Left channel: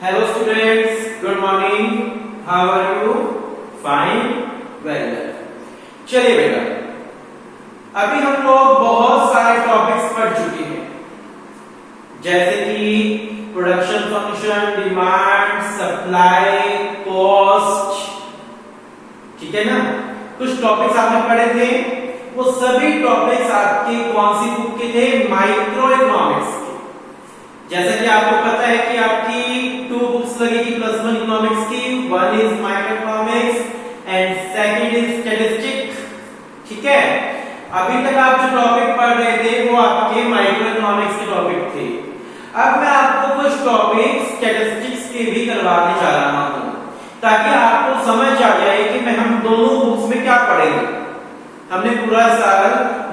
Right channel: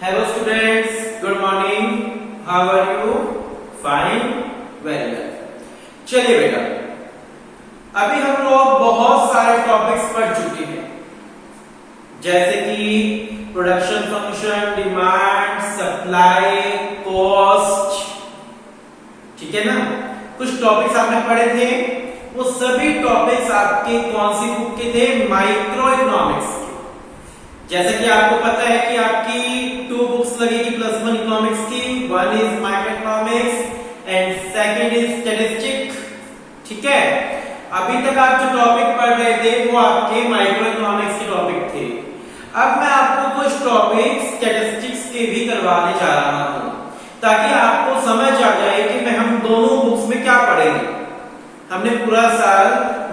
Hello students, good morning. How are you? Fine, very well. चलिए बेटा, अभी हम लोग बहुत सारे टॉपिक्स पढ़ चुके हैं, जैसे कि production function, demand, supply, cost, ठीक है ना। कुछ टॉपिक्स आपने पढ़े थे, वो सभी टॉपिक्स आपके कौन सी बुक के थे? माइक्रो इकोनॉमिक्स के। जैसे कि आपको पता है कि आपकी 2 बुक्स लगेगी +1 इकोनॉमिक्स की, one is micro economics and second is statistics, ठीक है। अभी तक आप जो टॉपिक पढ़ रहे थे वो आपके माइक्रो इकोनॉमिक्स के टॉपिक थे। अब मैं आपको कुछ टॉपिक स्टैटिस्टिक्स के भी करवाने जा रहा हूं, ताकि आपको समझ आ जाए कि मैं हम दोनों बुक्स में क्या पढ़ेंगे। हमने पूरा साल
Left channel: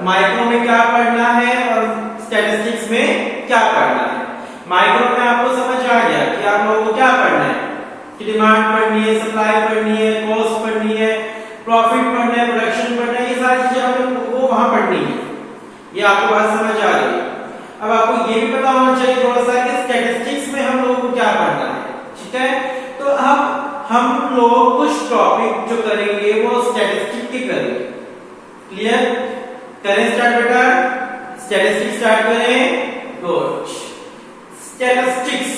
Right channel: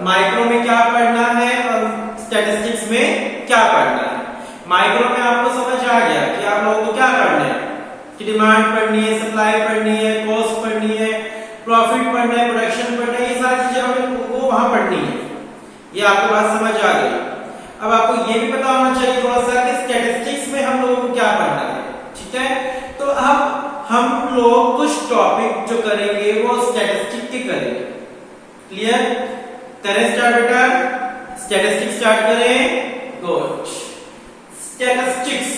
माइक्रो में क्या पढ़ना है और स्टैटिस्टिक्स में क्या पढ़ना है। माइक्रो में आपको समझ आ गया कि आप लोगों को क्या पढ़ना है, कि डिमांड पढ़नी है, सप्लाई पढ़नी है, कॉस्ट पढ़नी है, प्रॉफिट पढ़ना है, प्रोडक्शन पढ़ना है, ये सारी चीजें हमें वो वहां पढ़नी है। ये आपको बात समझ आ गई। अब आपको ये भी पता होना चाहिए थोड़ा सा कि स्टैटिस्टिक्स में हम लोगों को क्या पढ़ना है, ठीक है। तो अब हम लोग कुछ टॉपिक जो करेंगे वो स्टैटिस्टिक्स के करेंगे। क्लियर? करें स्टार्ट बेटा, स्टैटिस्टिक्स स्टार्ट करें। गुड। स्टैटिस्टिक्स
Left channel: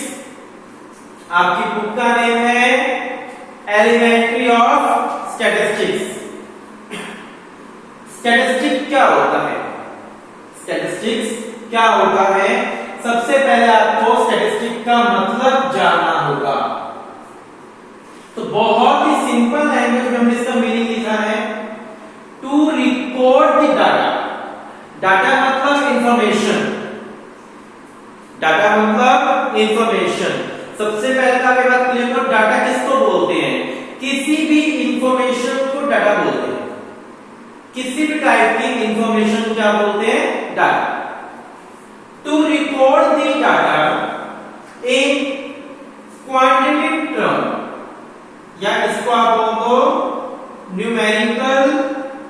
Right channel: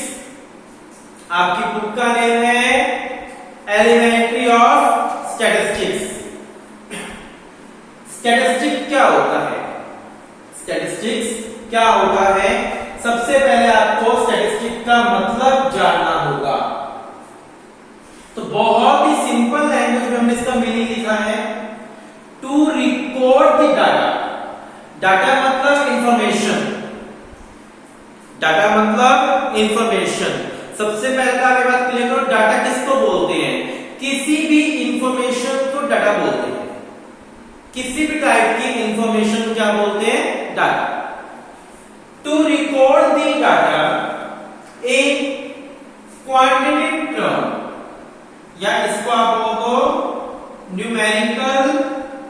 आपकी बुक का नेम है एलिमेंट्री ऑफ स्टैटिस्टिक्स। स्टैटिस्टिक्स क्या होता है? स्टैटिस्टिक्स क्या होता है? सबसे पहले आपको स्टैटिस्टिक्स का मतलब जानना होगा। तो बहुत ही सिंपल लैंग्वेज में हमने इसका मीनिंग लिखा है, to record the data. Data मतलब इंफॉर्मेशन, डाटा मतलब इंफॉर्मेशन। सबसे पहले तो आप ये बात क्लियर करो, डाटा किसको बोलते हैं? किसी भी इंफॉर्मेशन को डाटा बोलते हैं। किसी भी टाइप की इंफॉर्मेशन क्या बोलते हैं? Data. To record the data in quantitative term, या इसको आप बोलो न्यूमेरिकल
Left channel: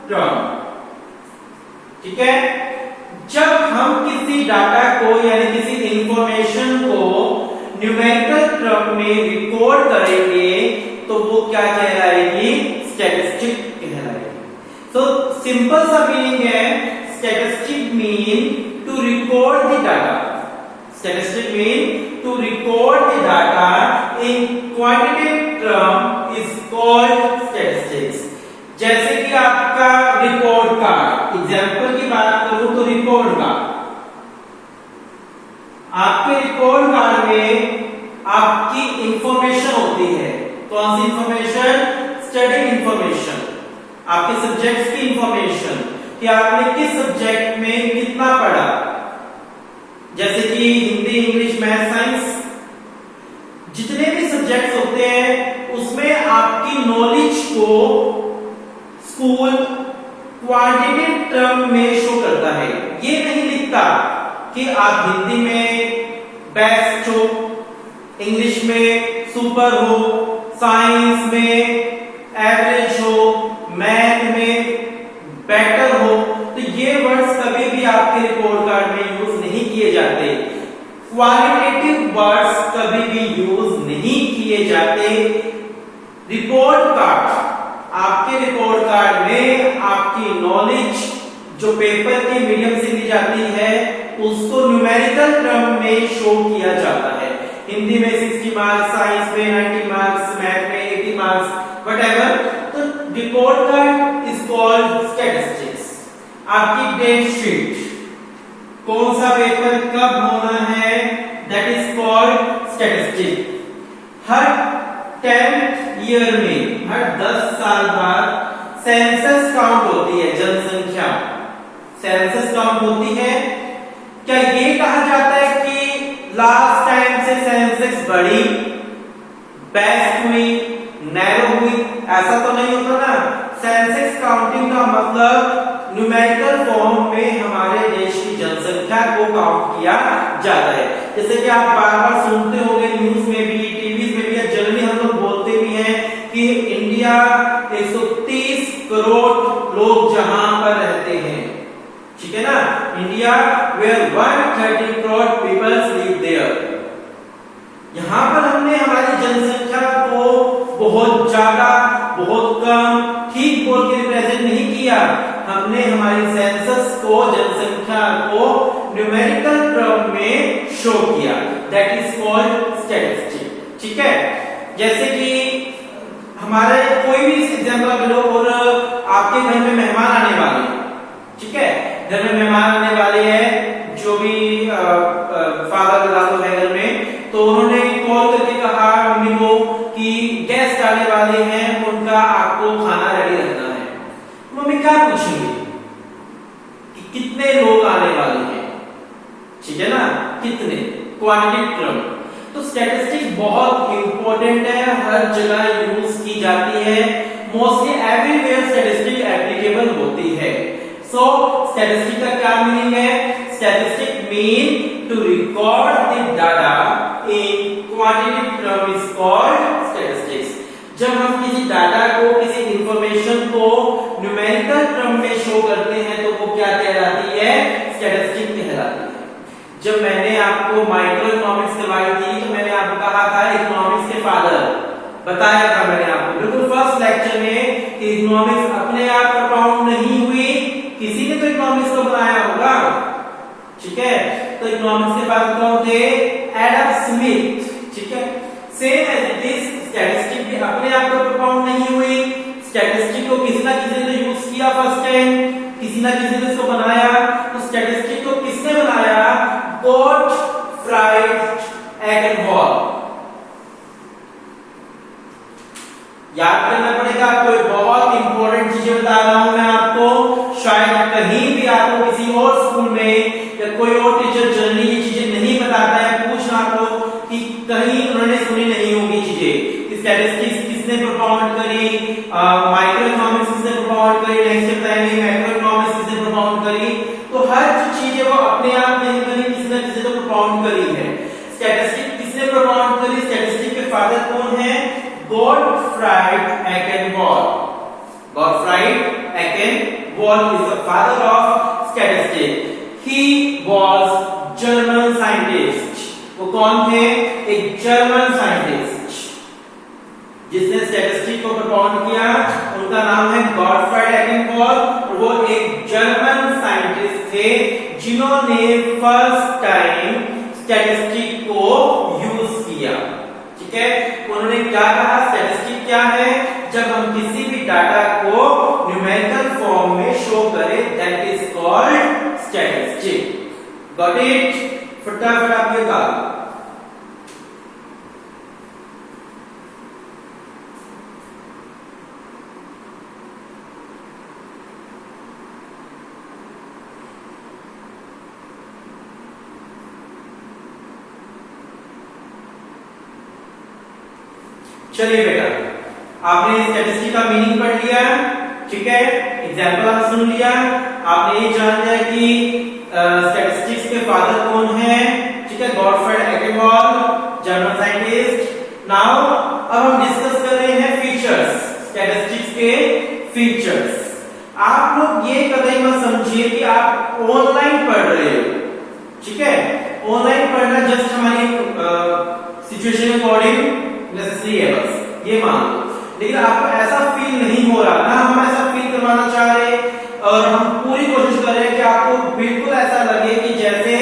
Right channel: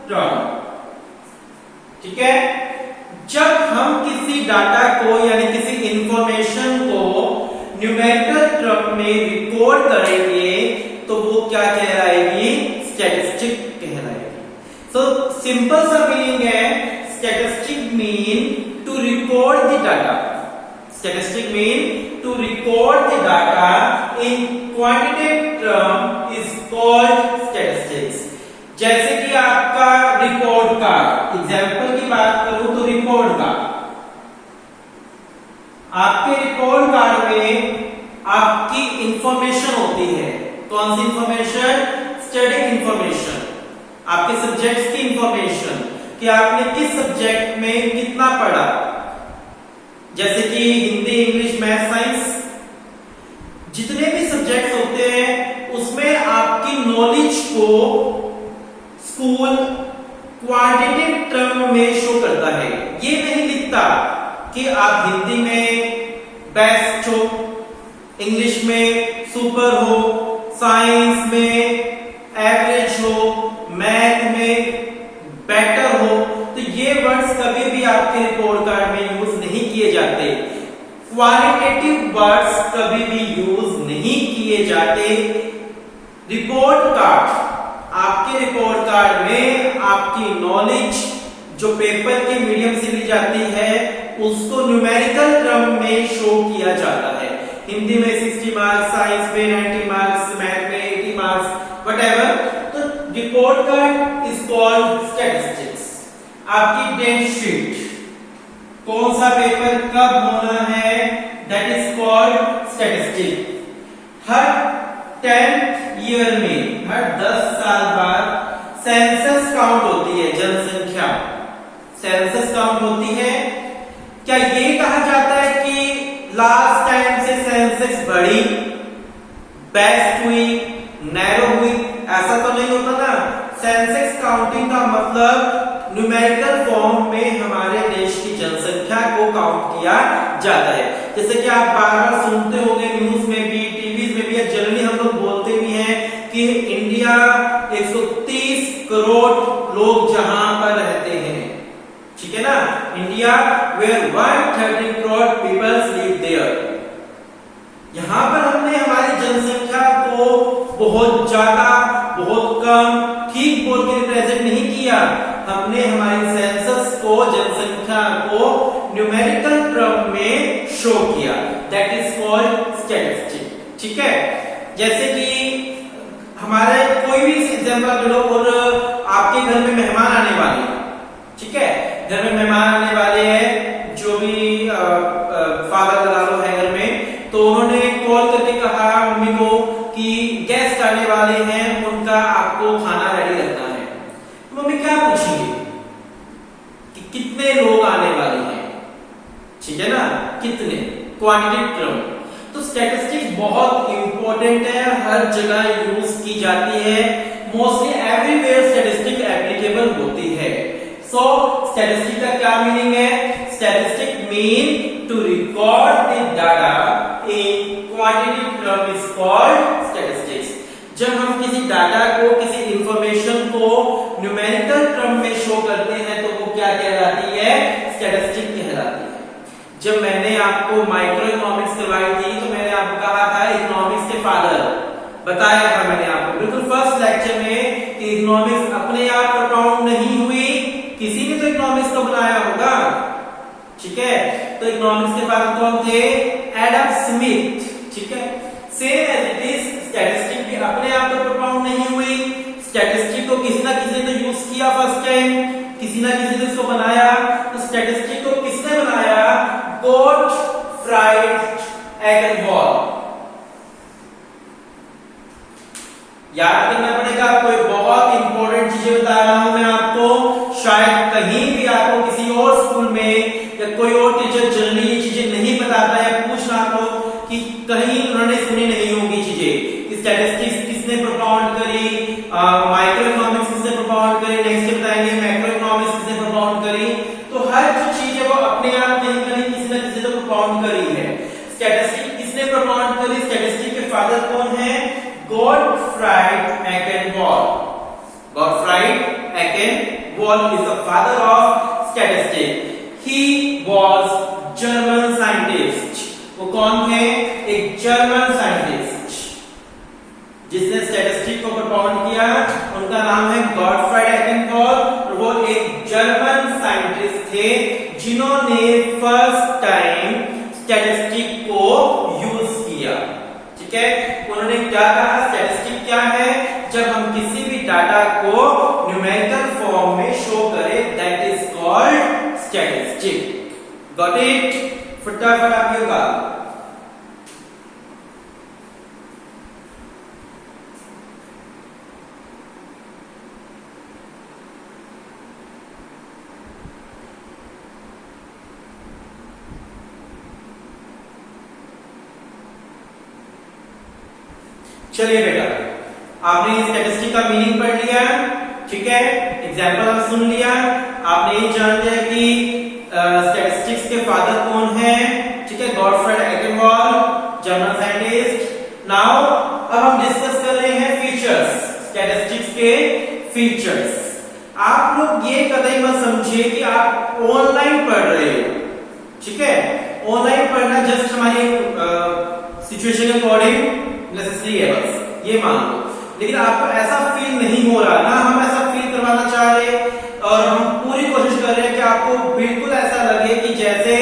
टर्म, ठीक है। जब हम किसी डाटा को यानी किसी इंफॉर्मेशन को न्यूमेरिकल टर्म में रिकॉर्ड करेंगे तो वो क्या कहलाएगी? स्टैटिस्टिक कहलाएगी। सो सिंपल सा मीनिंग है, statistic mean to record the data. Statistic mean to record the data in quantitative term is called statistics. जैसे कि आपका रिपोर्ट कार्ड, एग्जाम्पल की बात करूं तो रिपोर्ट कार्ड, आपके रिपोर्ट कार्ड में आपकी इंफॉर्मेशन होती है। कौन सी इंफॉर्मेशन? स्टडी इंफॉर्मेशन, आपके सब्जेक्ट्स की इंफॉर्मेशन, कि आपने किस सब्जेक्ट में कितना पढ़ा, जैसे कि हिंदी, इंग्लिश, मैथ, साइंस, जितने भी सब्जेक्ट्स होते हैं उसमें आपकी नॉलेज को स्कूल क्वांटिटेटिव टर्म में शो करता है। ये नहीं लिखता कि आप हिंदी में बेस्ट हो, इंग्लिश में सुपर हो, साइंस में एवरेज हो, मैथ में बेटर हो। तो ये वर्ड्स कभी भी आपके रिपोर्ट कार्ड में यूज नहीं किए जाते। क्वालिटेटिव वर्ड्स कभी भी यूज नहीं किए जाते। रिपोर्ट कार्ड, आपके रिपोर्ट कार्ड में आपकी नॉलेज जो पेपर के मीडियम से ली जाती है उसको न्यूमेरिकल टर्म में शो किया जाता है। हिंदी में 60 मार्क्स, साइंस में 90 मार्क्स, मैथ में 80 मार्क्स, व्हाटएवर। तो report card is called statistics. आपकी डेट शीट, कौन सा पेपर कब होना है, that is called statistics. Her 10th year में, हर 10 साल बाद सेंसस काउंट होती है, जनसंख्या सेंसस काउंट होती है। क्या ये कहा जाता है कि लास्ट टाइम से सेंसस बढ़ी, बेस्ट हुई, नैरो हुई? ऐसा तो नहीं होता ना। सेंसस काउंटिंग का मतलब न्यूमेरिकल फॉर्म में हमारे देश की जनसंख्या को काउंट किया जाता है। जैसे कि आप बार बार सुनते होंगे न्यूज में भी, टीवी में भी, जनरली हम लोग बोलते भी हैं कि इंडिया 130 करोड़ लोग जहां पर रहते हैं, ठीक है ना। India where 130 crore people live there. यहां पर हमने हमारे बहुत ज्यादा, बहुत कम, ठीक बोल के रिप्रेजेंट नहीं किया, हमने हमारी सेंसस को, जनसंख्या को न्यूमेरिकल टर्म में शो किया, दैट इज कॉल्ड स्टैटिस्टिक। ठीक है, जैसे कि हमारे कोई भी एग्जांपल ले लो और आपके घर में मेहमान आने वाले, ठीक है, घर में मेहमान आने वाले हैं, जो भी फादर दादा है घर में, तो उन्होंने कॉल करके कहा मम्मी को कि गेस्ट आने वाले हैं, उनका आपको खाना रेडी रखना है। मम्मी क्या पूछेंगे कि कितने लोग आने वाले हैं, ठीक है ना, कितने, क्वांटिटी टर्म। तो स्टैटिस्टिक्स बहुत इंपॉर्टेंट है, हर जगह यूज की जाती है, मोस्टली एवरीवेयर स्टैटिस्टिक एप्लीकेबल होती है। सो स्टैटिस्टिक का क्या मीनिंग है? Statistic mean to record the data in quantity term is called statistics. जब हम किसी डाटा को, किसी इंफॉर्मेशन को न्यूमेरिकल टर्म में शो करते हैं तो वो क्या कहलाती है? स्टैटिस्टिक कहलाती है। जब मैंने आपको माइक्रो इकोनॉमिक्स करवाई थी तो मैंने आपको कहा था इकोनॉमिक्स के फादर, बताया था मैंने आपको बिल्कुल फर्स्ट लेक्चर में कि इकोनॉमिक्स अपने आप प्रोपाउंड नहीं हुई, किसी ने तो इकोनॉमिक्स को बनाया होगा, ठीक है। तो इकोनॉमिक्स के फादर कौन थे? एडम स्मिथ, ठीक है। Same as it is statistic भी अपने आप तो प्रोपाउंड नहीं हुई, स्टैटिस्टिक को किसी ना किसी ने यूज किया फर्स्ट टाइम, किसी ना किसी ने इसको बनाया। तो स्टैटिस्टिक को किसने बनाया? गॉटफ्राइड एगेनवॉल। याद करना पड़ेगा आपको, बहुत इंपॉर्टेंट चीजें बता रहा हूं मैं आपको, शायद कहीं भी आपको किसी और स्कूल में या कोई और टीचर जनरली ये चीजें नहीं बताता है, पूछना तो कि कहीं उन्होंने सुनी नहीं होगी चीजें। स्टैटिस्टिक्स किसने प्रोपाउंड करी, माइक्रो इकोनॉमिक्स किसने प्रोपाउंड करी, नेक्स्ट बताएंगे मैक्रो इकोनॉमिक्स किसने प्रोपाउंड करी। तो हर जो चीज है वो अपने आप कहीं कहीं किसी न किसी ने प्रोपाउंड करी है। स्टैटिस्टिक किसने प्रोपाउंड करी? स्टैटिस्टिक के फादर कौन है? Gottfried Achenwall. Gottfried Achenwall is the father of statistics. He was German scientist. वो कौन थे? एक जर्मन साइंटिस्ट जिसने स्टैटिस्टिक को प्रोपाउंड किया, उनका नाम है गॉटफ्राइड एगेनवॉल। और वो एक जर्मन साइंटिस्ट थे जिन्होंने फर्स्ट टाइम स्टैटिस्टिक को यूज किया, ठीक है। उन्होंने क्या कहा? स्टैटिस्टिक क्या है? जब हम किसी भी डाटा को न्यूमेरिकल फॉर्म में शो करें, that is called statistic. Got it? फटाफट आप ये कहा। चलिए बेटा, आपने स्टैटिस्टिक का मीनिंग पढ़ लिया, ठीक है, एग्जाम्पल आप सुन लिया, आपने ये जान लिया कि स्टैटिस्टिक्स के फादर कौन है, ठीक है, गॉटफ्राइड एगेनवॉल, जर्मन साइंटिस्ट। नाउ अब हम डिस्कस कर रहे हैं फीचर्स, स्टैटिस्टिक्स के फीचर्स। आप लोग ये कतई मत समझिए कि आप ऑनलाइन पढ़ रहे हो, ठीक है। ऑनलाइन पढ़ना जस्ट हमारी सिचुएशन के अकॉर्डिंग नेसेसरी है, बस ये मान लो। लेकिन आपको ऐसा फील नहीं हो रहा ना, हम ऐसा फील करवाना चाह रहे और हम पूरी कोशिश कर रहे हैं कि आपको बिल्कुल ऐसा लगे कि जैसे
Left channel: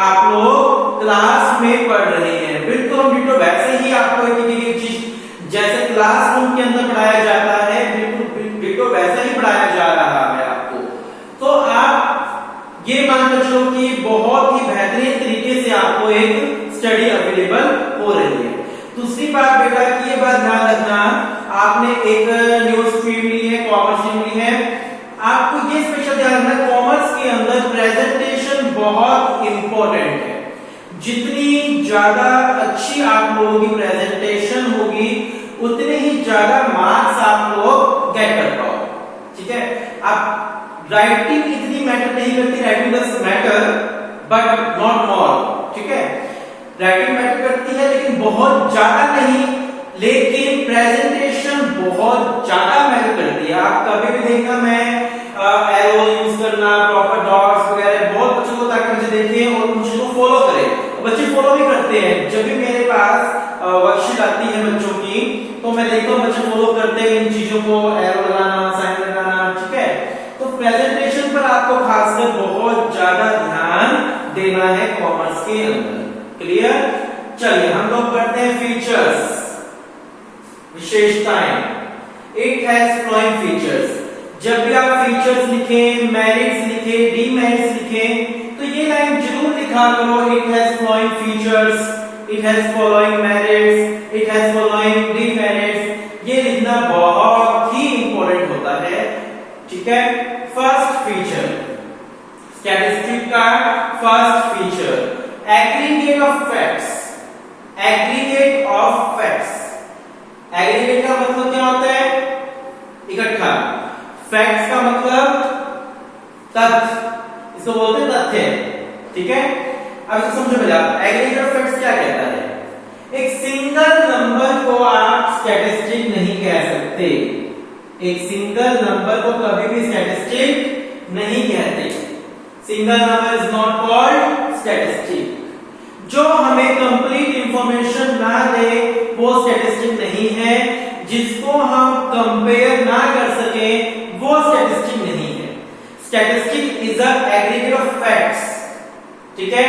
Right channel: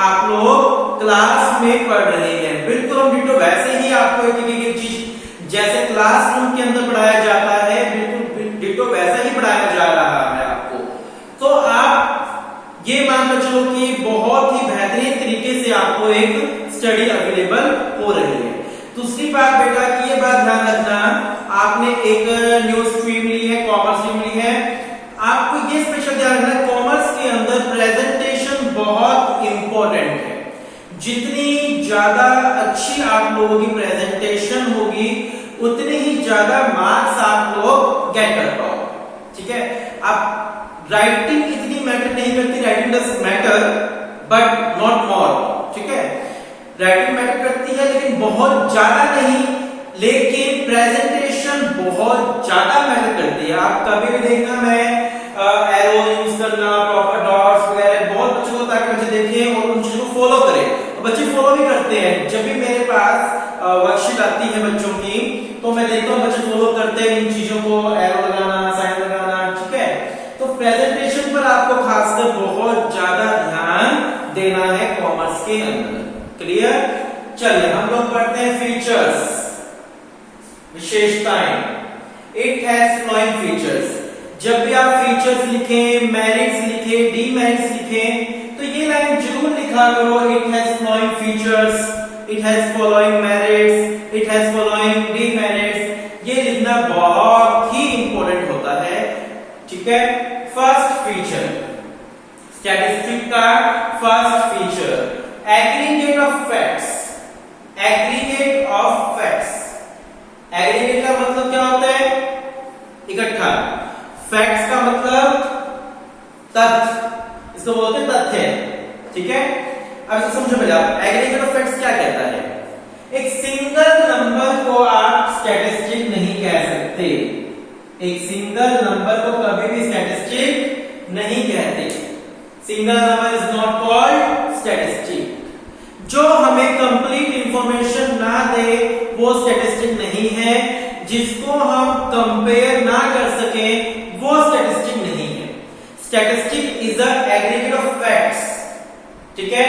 आप लोग क्लास में पढ़ रहे हैं। बिल्कुल हम डिटो वैसे ही आपको एक चीज जैसे क्लासरूम के अंदर पढ़ाया जाता है, बिल्कुल डिटो वैसे ही पढ़ाया जा रहा है आपको। तो आप ये मान के चलो कि बहुत ही बेहतरीन तरीके से आपको एक स्टडी अवेलेबल हो रही है। दूसरी बात बेटा की ये बात ध्यान रखना, आपने एक न्यू स्ट्रीम ली है, कॉमर्स स्ट्रीम ली है, आपको ये स्पेशल ध्यान रखना, कॉमर्स के अंदर प्रेजेंटेशन बहुत इंपॉर्टेंट है। जितनी ज्यादा अच्छी आप लोगों की प्रेजेंटेशन होगी उतने ही ज्यादा मार्क्स आप लोग गेट कर पाओगे, ठीक है। आप राइटिंग इतनी मैटर नहीं करती, writing does matter but not more, ठीक है। राइटिंग मैटर करती है लेकिन बहुत ज्यादा नहीं, लेकिन प्रेजेंटेशन बहुत ज्यादा मैटर करती है। आप कभी भी देखना, मैं एरो यूज करना, प्रॉपर डॉट्स वगैरह बहुत बच्चों को, ताकि बच्चे देखें और उन चीजों को फॉलो करें। तो बच्चे फॉलो भी करते हैं। जब भी मेरे पास वर्कशीट आती है बच्चों की तो मैं देखता हूँ बच्चे लोग करते हैं इन चीजों को, एरो लगाना, साइन लगाना, ठीक है। तो प्रेजेंटेशन पर आपको खासकर बहुत ज्यादा ध्यान देना है कॉमर्स के अंदर। क्लियर? चलिए हम लोग पढ़ते हैं फीचर्स, विशेषताएं। It has flowing features. जब भी आप फीचर्स लिखें, मेरिट्स लिखें, डीमेरिट्स लिखें, तो ये लाइन जरूर लिखा करो, it has flowing features, it has following merits, it has following demerits. ये लिखना बहुत ही इंपॉर्टेंट होता है, ठीक है। फर्स्ट फीचर, स्टैटिस्टिक का first feature, aggregate of facts. Aggregate of facts, aggregate का मतलब क्या होता है? इकट्ठा। फैक्ट्स का मतलब तथ्य, इसको बोलते हैं तथ्य, ठीक है। अब इसको समझो पहले आप, एग्रीगेट ऑफ फैक्ट्स क्या कहता है? एक सिंगल नंबर को आप स्टैटिस्टिक नहीं कह सकते। एक सिंगल नंबर को कभी भी स्टैटिस्टिक नहीं कहते। Single number is not called statistic. जो हमें कंप्लीट इंफॉर्मेशन ना दे वो स्टैटिस्टिक नहीं है। जिसको हम कंपेयर ना कर सके वो स्टैटिस्टिक नहीं है। Statistic is a aggregate of facts, ठीक है।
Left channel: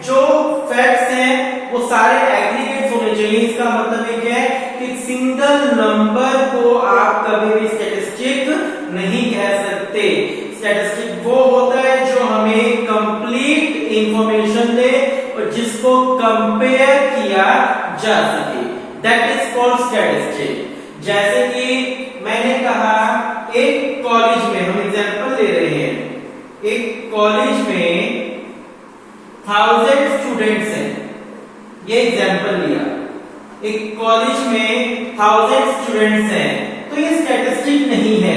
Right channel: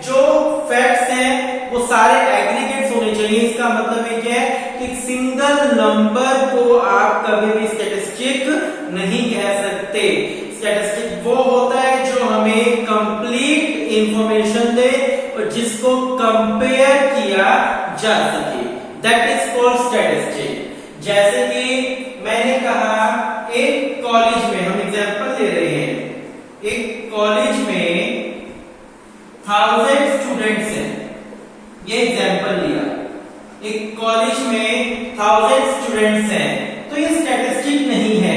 जो फैक्ट्स हैं वो सारे एग्रीगेट्स होने चाहिए। इसका मतलब ये है कि सिंगल नंबर को आप कभी भी स्टैटिस्टिक नहीं कह सकते। स्टैटिस्टिक वो होता है जो हमें कंप्लीट इंफॉर्मेशन दे और जिसको कंपेयर किया जा सके, दैट इज कॉल्ड स्टैटिस्टिक। जैसे कि मैंने कहा एक कॉलेज में, हम एग्जांपल ले रहे हैं, एक कॉलेज में 1000 स्टूडेंट्स हैं, ये एग्जांपल लिया। एक कॉलेज में 1000 स्टूडेंट्स हैं, तो ये स्टैटिस्टिक नहीं है।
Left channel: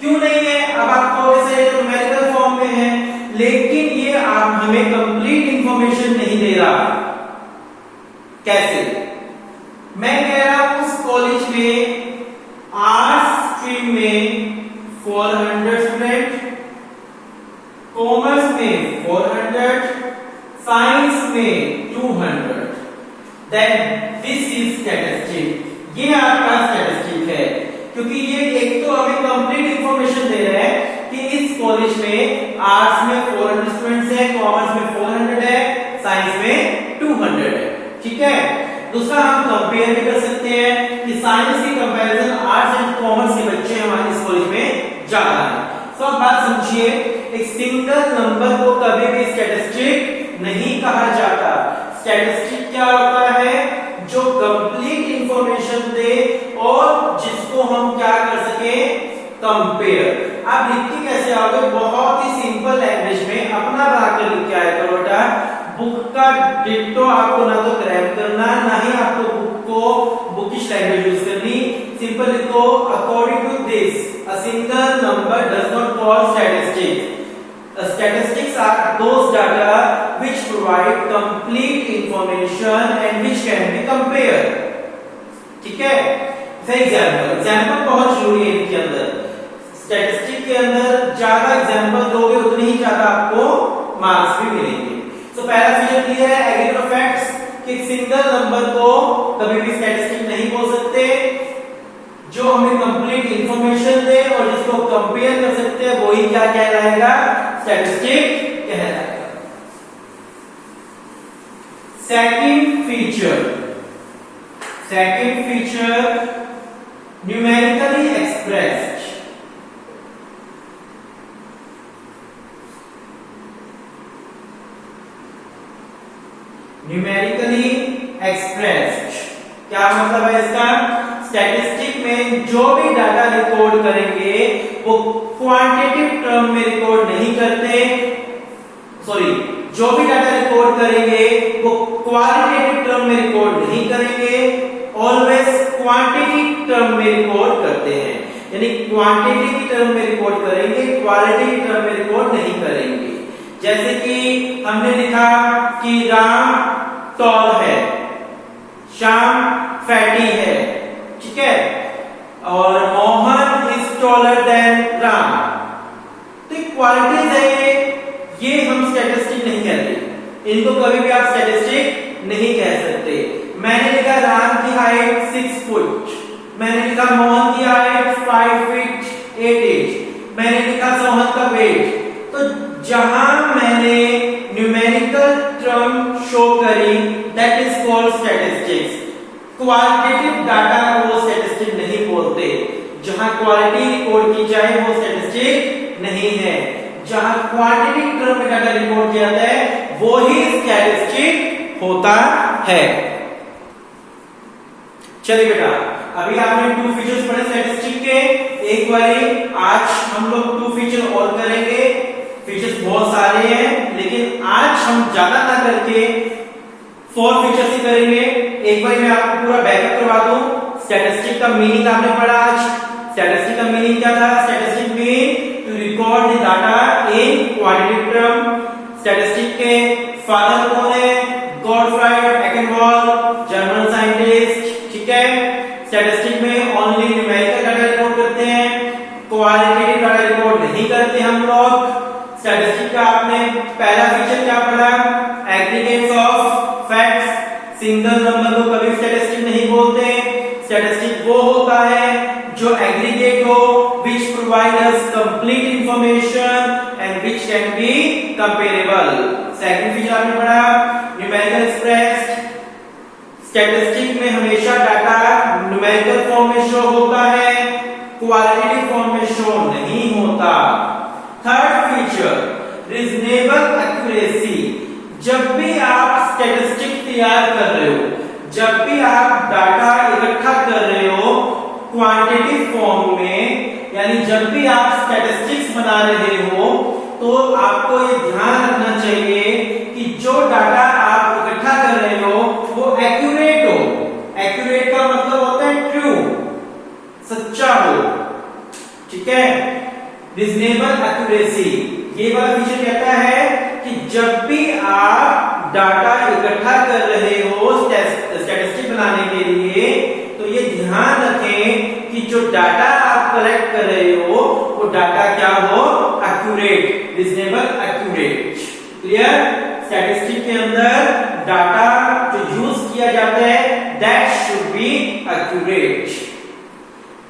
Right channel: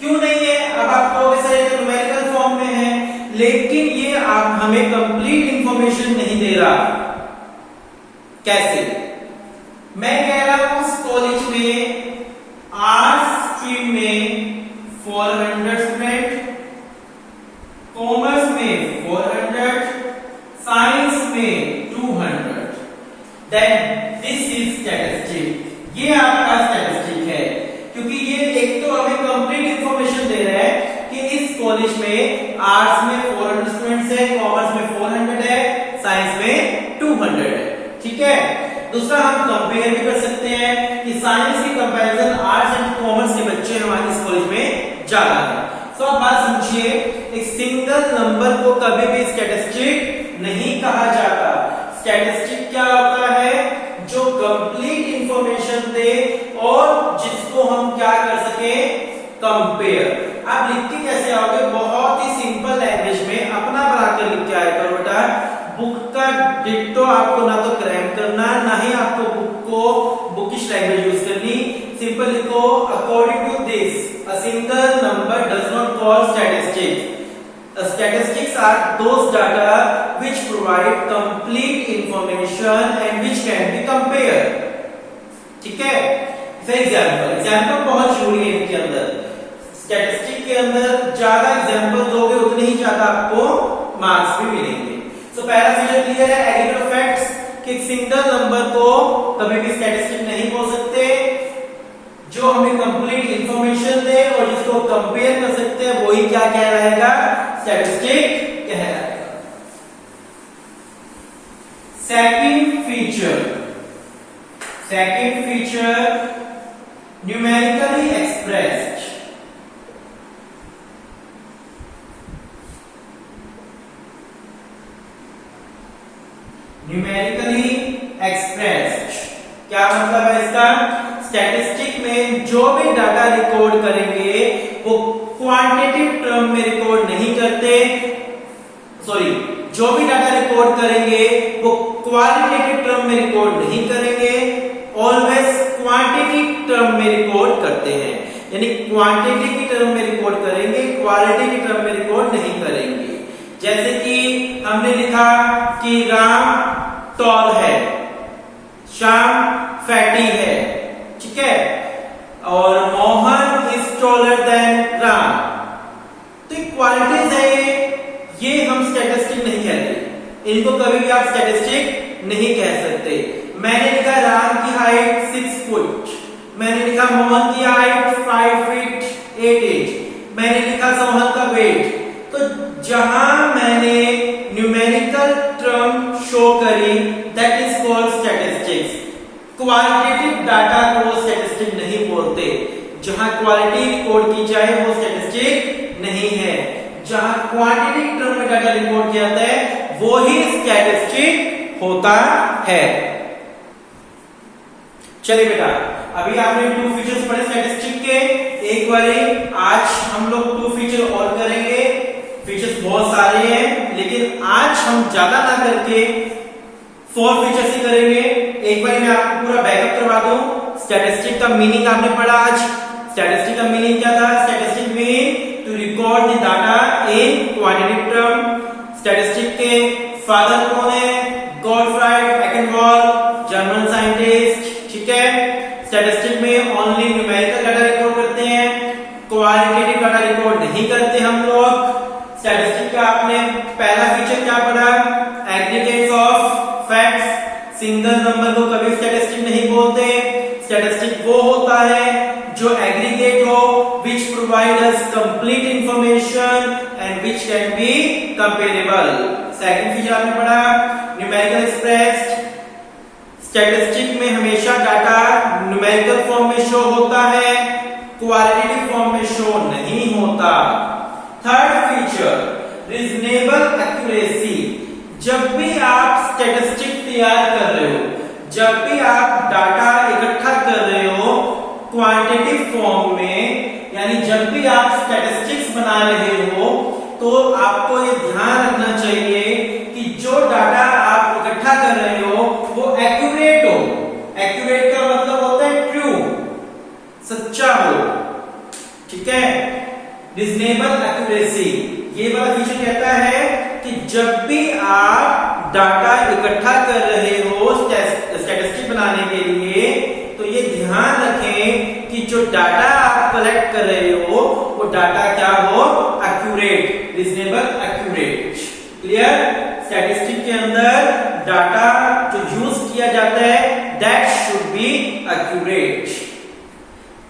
क्यों नहीं है? अब आपको ऐसे न्यूमेरिकल फॉर्म में है, लेकिन ये आप हमें कंप्लीट इंफॉर्मेशन नहीं दे रहा। कैसे? मैं कह रहा हूं उस कॉलेज में आर्ट्स स्ट्रीम में 400 स्टूडेंट, कॉमर्स में 400, साइंस में 200, देन दिस इज स्टैटिस्टिक। ये आपका स्टैटिस्टिक है, क्योंकि ये एक तो हमें कंप्लीट इंफॉर्मेशन दे रहा है कि इस कॉलेज में आर्ट्स में 400 स्टूडेंट्स है, कॉमर्स में 400 है, साइंस में 200 है, ठीक है। दूसरा हम कंपेयर भी कर सकते हैं कि साइंस की कंपैरिजन आर्ट्स एंड कॉमर्स के बच्चे हमारे इस कॉलेज में ज्यादा है। तो आप बात समझिए, एक सिंगल नंबर को कभी भी स्टैटिस्टिक नहीं कहा जाता। स्टैटिस्टिक क्या होता है? जो कंप्लीट इंफॉर्मेशन दे और जिसको हम क्या कर सके, कंपेयर। आप लिख के कैसे आओगे? बहुत ही सिंपल लैंग्वेज में अपना बनाकर लिख के आया करो बेटा। बुक का डिक्टो आपको ना तो क्रैम करना, ना ही आपको बुक को बुकिश लैंग्वेज यूज करनी। सिंपल लिखो, according to this a single number does not call statistics. Statistics are those data which provide complete information and which can be compared. ठीक है? एग्जाम्पल बहुत जरूरी है इनके अंदर। स्टैटिस्टिक के अंदर ज्यादा एग्जाम्पल दोगे उतने ही ज्यादा आपको मार्क्स भी मिलेंगे। तो पहला फीचर क्लियर है, एग्रीगेट ऑफ फैक्ट्स, कि सिंगल नंबर को कभी भी स्टैटिस्टिक नहीं बोल सकते। जो हमें कंप्लीट इंफॉर्मेशन दे और जिसको कंपेयर कर सकते हैं वही क्या कहलाएगा? स्टैटिस्टिक कहलाएगा। Second feature numerically expressed. Numerically expressed क्या मतलब है इसका? स्टैटिस्टिक में जो भी डाटा रिकॉर्ड करेंगे वो क्वांटिटेटिव टर्म में रिकॉर्ड नहीं करते, जो भी डाटा रिकॉर्ड करेंगे वो क्वालिटेटिव टर्म में रिकॉर्ड नहीं करेंगे, ऑलवेज क्वांटिटी टर्म में रिकॉर्ड करते हैं। यानी क्वांटिटी की टर्म में रिकॉर्ड करेंगे, क्वालिटी की टर्म में रिकॉर्ड नहीं करेंगे। जैसे कि हमने लिखा कि राम टॉल है, श्याम फैटी है, ठीक है, और Mohan is taller than Ram. तो क्वालिटीज है ये हम स्टैटिस्टिक नहीं कहते, इनको कभी भी आप स्टैटिस्टिक नहीं कह सकते। मैंने लिखा राम की हाइट 6 फुट, मैंने लिखा मोहन की हाइट 5 फीट 8 इंच, मैंने लिखा सोहन का वेट। तो जहां मैंने न्यूमेरिकल टर्म शो करी that is called statistics. Qualitative data को स्टैटिस्टिक नहीं बोलते। जहां क्वालिटी रिकॉर्ड की जाए वो स्टैटिस्टिक नहीं है, जहां क्वांटिटी टर्म में डाटा रिकॉर्ड किया जाता है वो ही स्टैटिस्टिक होता है। चलिए बेटा, अभी आपने 2 फीचर्स पढ़े स्टैटिस्टिक के। एक बारी आज हम लोग 2 फीचर और करेंगे। फीचर्स बहुत सारे हैं लेकिन आज हम ज्यादा ना करके 4 फीचर्स ही करेंगे। एक बार मैं आपको पूरा बैकअप करवा दूं। स्टैटिस्टिक का मीनिंग आपने पढ़ा आज। स्टैटिस्टिक का मीनिंग क्या था? Statistic mean to record the data in quantitative term. Statistic के फादर कौन है? Gottfried Achenwall, German scientist. ठीक है, स्टैटिस्टिक में ओनली न्यूमेरिकल डाटा रिकॉर्ड करते हैं, क्वालिटेटिव डाटा रिकॉर्ड नहीं करते हम लोग। स्टैटिस्टिक का आपने पहला फीचर क्या पढ़ा? Aggregates of facts. Single number को कभी स्टैटिस्टिक नहीं बोलते। स्टैटिस्टिक वो होता है जो एग्रीगेट हो, which provide us complete information and which can be comparable. Second feature आपने पढ़ा न्यूमेरिकल एक्सप्रेस्ड। स्टैटिस्टिक में हमेशा डाटा न्यूमेरिकल फॉर्म में शो होता है, क्वालिटेटिव फॉर्म में शो नहीं होता। Third feature reasonable accuracy. जब भी आप स्टैटिस्टिक तैयार कर रहे हो, जब भी आप डाटा इकट्ठा कर रहे हो क्वांटिटेटिव फॉर्म में, यानी जब भी आप स्टैटिस्टिक्स बना रहे हो तो आपको ये ध्यान रखना चाहिए कि जो डाटा आप इकट्ठा कर रहे हो वो एक्यूरेट हो। एक्यूरेट का मतलब होता है ट्रू, सच्चा हो। ठीक है, रीजनेबल एक्यूरेसी। ये वाला फीचर कहता है कि जब भी आप डाटा इकट्ठा कर रहे हो स्टैटिस्टिक बनाने के लिए तो ये ध्यान रखें कि जो डाटा आप कलेक्ट कर रहे हो वो डाटा क्या हो? Accurate, reasonable accurate. Clear? Statistic के अंदर डाटा जो यूज किया जाता है that should be accurate.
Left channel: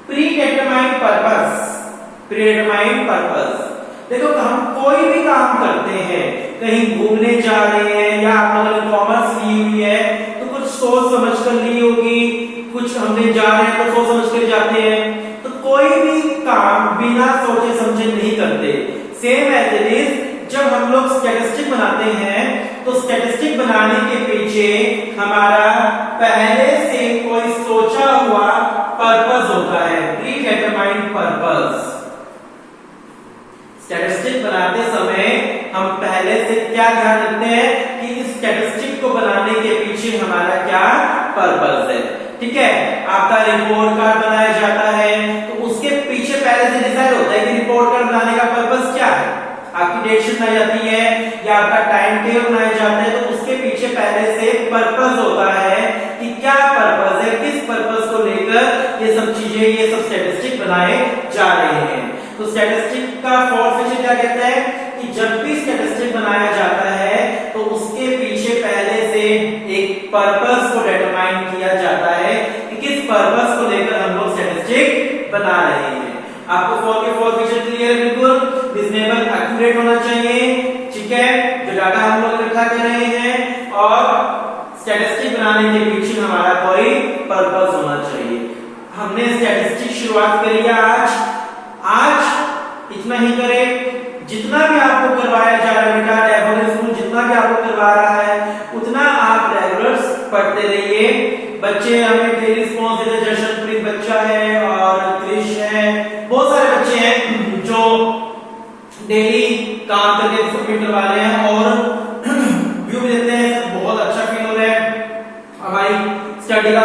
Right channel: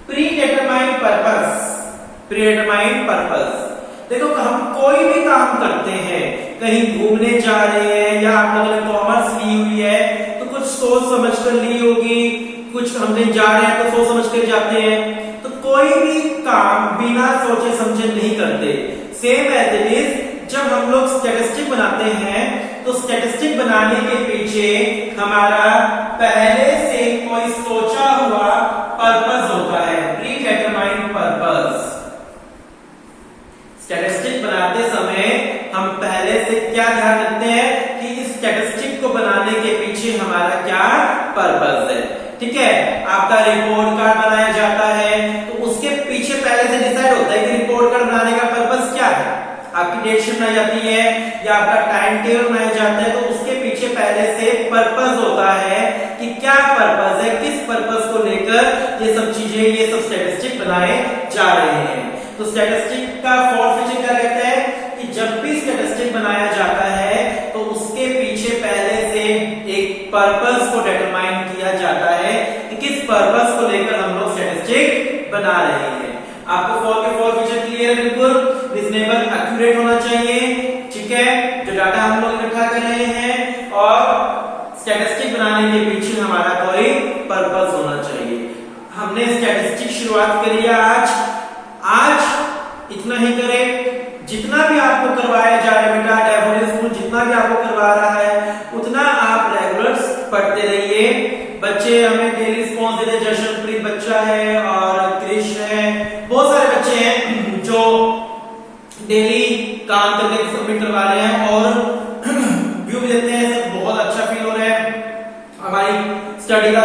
Pre determined purpose. Pre determined purpose, देखो हम कोई भी काम करते हैं, कहीं घूमने जा रहे हैं या आप लोगों ने कॉमर्स ली हुई है तो कुछ सोच समझ कर ली होगी, कुछ हमने जा रहे हैं तो सोच समझ कर जाते हैं। तो कोई भी काम बिना सोचे समझे नहीं करते। सेम एज इट इज जब हम लोग स्टैटिस्टिक बनाते हैं तो स्टैटिस्टिक बनाने के पीछे हमारा पहले से कोई सोचा हुआ पर्पस होता है, प्री डिटरमाइंड पर्पस। स्टैटिस्टिक बनाते समय हम पहले से क्या ध्यान रखते हैं कि इस स्टैटिस्टिक को बनाने के पीछे हमारा क्या पर्पस है। ठीक है, आपका रिपोर्ट कार्ड बनाया जाता है तो उसके पीछे पहले से डिसाइड होता है कि रिपोर्ट कार्ड बनाने का पर्पस क्या है। आपकी डेट शीट बनाई जाती है या आपका टाइम टेबल बनाया जाता है तो उसके पीछे पहले से पर्पस होता है कि क्या पर्पस है, किस पर्पस को लेकर ये सब चीजें, ये सब स्टैटिस्टिक बनाए जा रहे हैं। तो स्टैटिस्टिक का फोर्थ फीचर क्या कहता है कि जब भी स्टैटिस्टिक बनाया जाता है तो उसके पीछे पहले से एक पर्पस को डिटरमाइन किया जाता है कि किस पर्पस को लेकर हम लोग स्टैटिस्टिक बना रहे हैं। आपको फोर फीचर क्लियर? बिल्कुल रीजनेबल एक्यूरेट होना चाहिए। ठीक है, जो डाटा हम लोग इकट्ठा कर रहे हैं और स्टैटिस्टिक बनाने के पीछे हमारा कोई पर्पस होना चाहिए। हमने स्टैटिस्टिक शुरुआत करी है आज इतना ही करें। जितना भी आपको करवाया जा रहा है बेटा, डेफोडिल स्कूल जितना भी आपको करवा रहा है उतना आप रेगुलर पढ़ते रहिए। बच्चे हमें डेली रिस्पॉन्स देते, जशनप्रीत बच्चा है और क्रिश है, बहुत सारे बच्चे हैं जो डेली काम करके सबमिट करवा रहे हैं और व्यू देते हैं। बहुत अच्छा फील हो रहा है। हमारी स्टडी का